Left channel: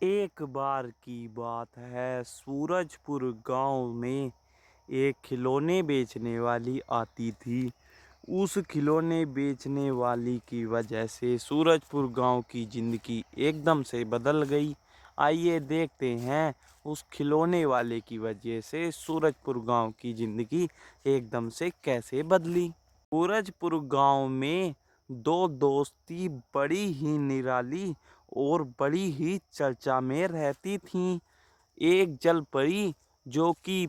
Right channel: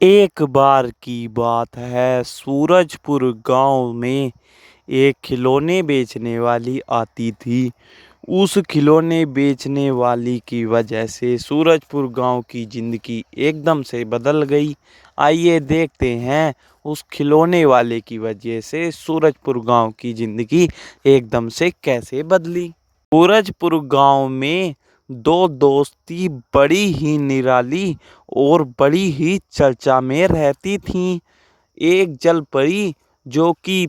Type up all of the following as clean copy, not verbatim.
एक बार की बात है, सूरजपुर गांव में एक खिलौने बेचने वाली आती थी। उस खिलौने बेचने वाली की वजह से सूरजपुर गांव की जिंदगी एकदम से बदल गई। आइए देखते हैं उस खिलौने वाले की वजह से सूरजपुर गांव की जिंदगी एकदम से कैसे बदली। सूरजपुर गांव में दो दोस्ती बड़ी ही निराली और बड़ी ही चर्चा में रहती थीं। एक जल परी जो कि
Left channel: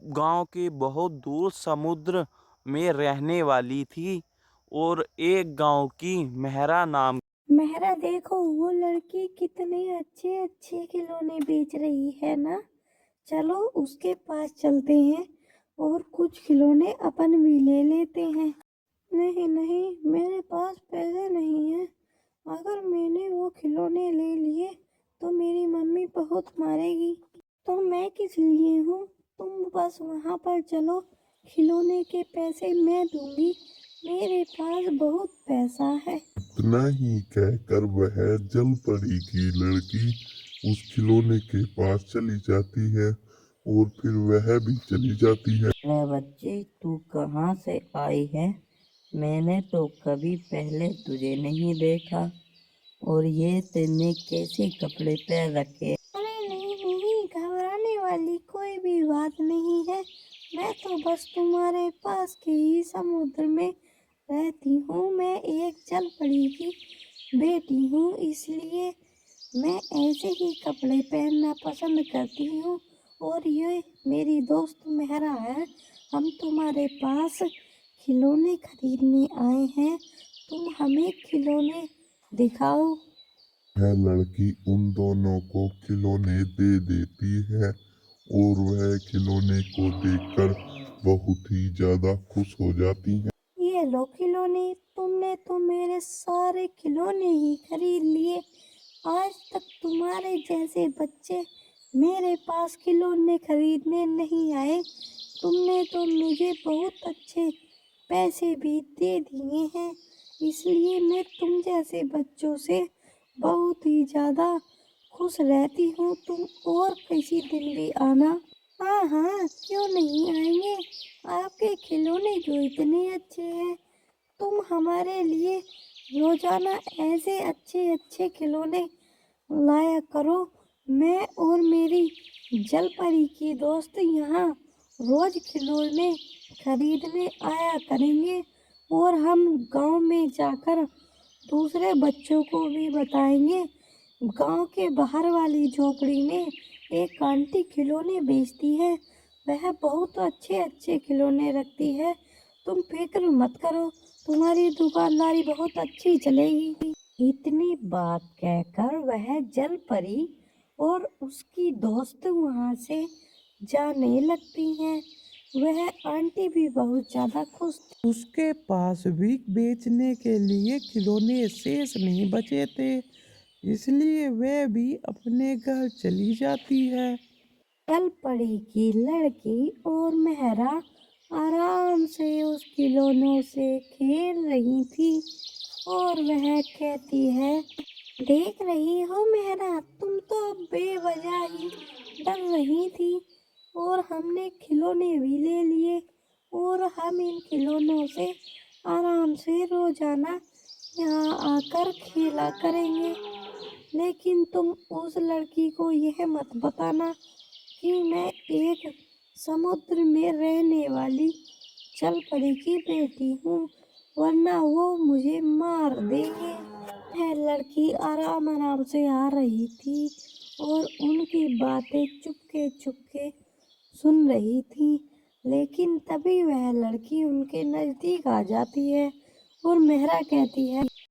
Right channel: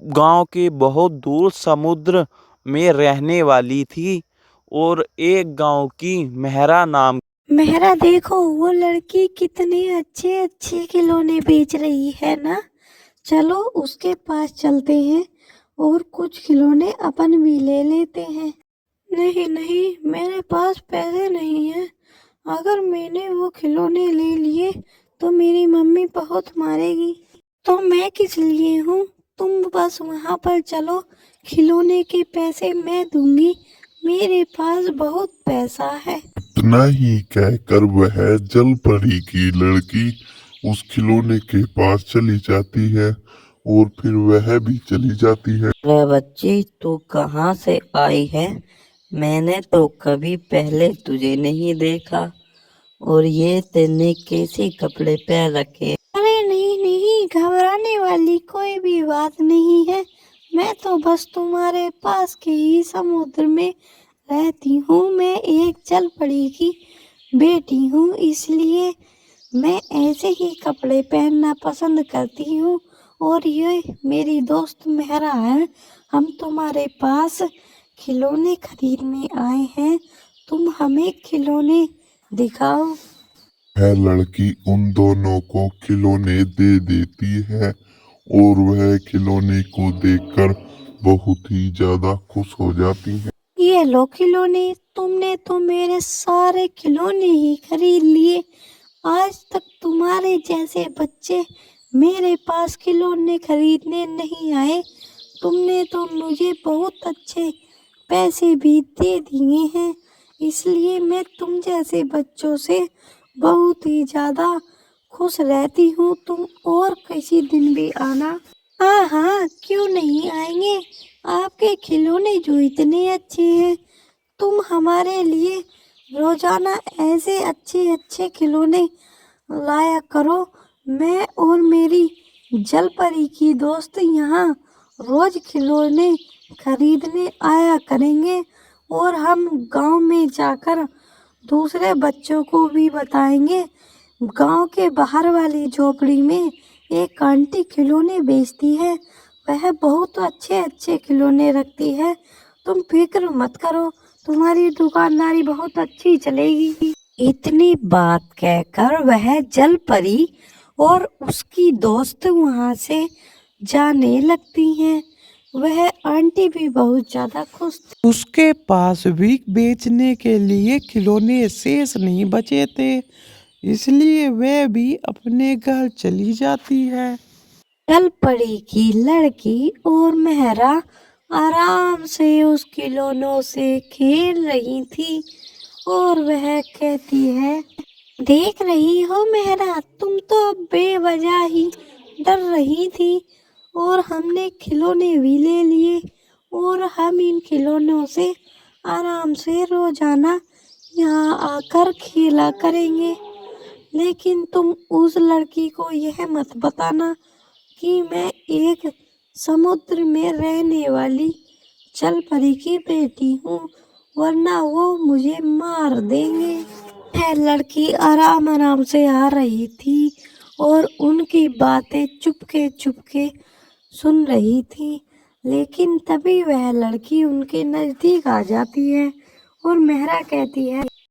गांव के बहुत दूर समुद्र में रहने वाली थी, और एक गांव की मेहरा नाम। मेहरा, देखो वो लड़की कितने अच्छे अच्छे खिलौने बेच रही है ना। चलो उसके पास चलते हैं और कुछ खिलौने अपन भी ले लेते हैं। नहीं नहीं, मेरे पास पैसे नहीं हैं। अगर मैंने वो खिलौने ले लिए तो मेरी मम्मी बहुत मारेगी। तो मैं किस लिए हूँ, तुम बस वहाँ पर चलो, खिलौने के पैसे मैं दूंगी, मेरे पास बहुत पैसा है। इतना ही कहकर वह जल परी की लड़की उस खिलौने के पास चली जाती है और फिर वह भी चली जाती है। अरे बच्ची, तू कहाँ से आई है? मैंने तो कभी पहले तुझे नहीं देखा। और ये तेने कैसे कपड़े पहन रखे? अरे नहीं नहीं, घबराने वाली कोई भी बात नहीं है। मैं तो बस तुम्हारे पास के ही समुद्र में रहती हूँ। मैं एक जल परी की बेटी हूँ, इसलिए मैं ऐसे ही कपड़े पहनना पसंद करती हूँ। और ये मेरी दोस्त मेहरा है। हम तुम्हारे पास खिलौने खरीदने आए हैं, तुम हमें खिलौने दिखाओ। वह लड़की उन दोनों को खिलौने दे देती है और वह खिलौने को देखकर बहुत ही ज्यादा खुश हो जाती है। ये लो खिलौने, तुमने तो मेरे सारे खिलौने ही खरीद लिए। आज तक तुम्हारे जैसे बच्चे मेरे पास खिलौने खरीदने नहीं आए। तुमने तो मुझे बहुत अच्छे पैसे भी दे दिए हैं, इसलिए मैं तुम जैसे बच्चों से बहुत ही ज़्यादा खुश रहती हूँ। तुम और किसी दिन भी आना। हाँ हाँ, क्यों नहीं आएंगे। आपके खिलौने जो इतने अच्छे हैं, तुम हमारे लिए रोजाना ऐसे अच्छे अच्छे खिलौने लाया करो। मैं और मेरी जल परी की दोस्त यहाँ रोज खिलौने खरीदने आया करेंगे, और हम गांव में जाकर दूसरे बच्चों को भी बताएंगे। गांव के बाहर वाली झोपड़ी में एक आंटी खिलौने बेचती है, वह बहुत अच्छे अच्छे खिलौने रखती है। तुम फिक्र मत करो, तुम्हारी दुकानदारी बहुत अच्छी चलेगी। इतनी बात कहकर वह जल परी और उसकी दोस्त वहां से जाने लगती हैं। वह आंटी भी बहुत ज्यादा खुश थी। उसके पास भी बेचने के लिए खिलौने शेष नहीं बचे थे, इसलिए वह भी अपने घर चली जाती है। जल परी की लड़की और मेहरा आराम से उस खिलौनों से खेल रही थी, और वह कहती है, देख रही हो मेहरा, तुम तो अब बेवजह ही डर रही थी, और हमने खिलौने भी ले लिए, और हम इन खिलौनों से आराम से रोजाना यहाँ आकर खेला करेंगे। लेकिन तुम उस लड़की को यह मत बताना कि मैं एक समुद्र में रहने वाली जल परी की बेटी हूँ, वरना वो मुझे मार देंगे। वह लड़की आराम आराम से आ रही थी और उनकी बातें चुपके चुपके सुन रही थी। लेकिन तभी वह लड़की उनके नजदीक आ जाती है और मेहरा कहती है,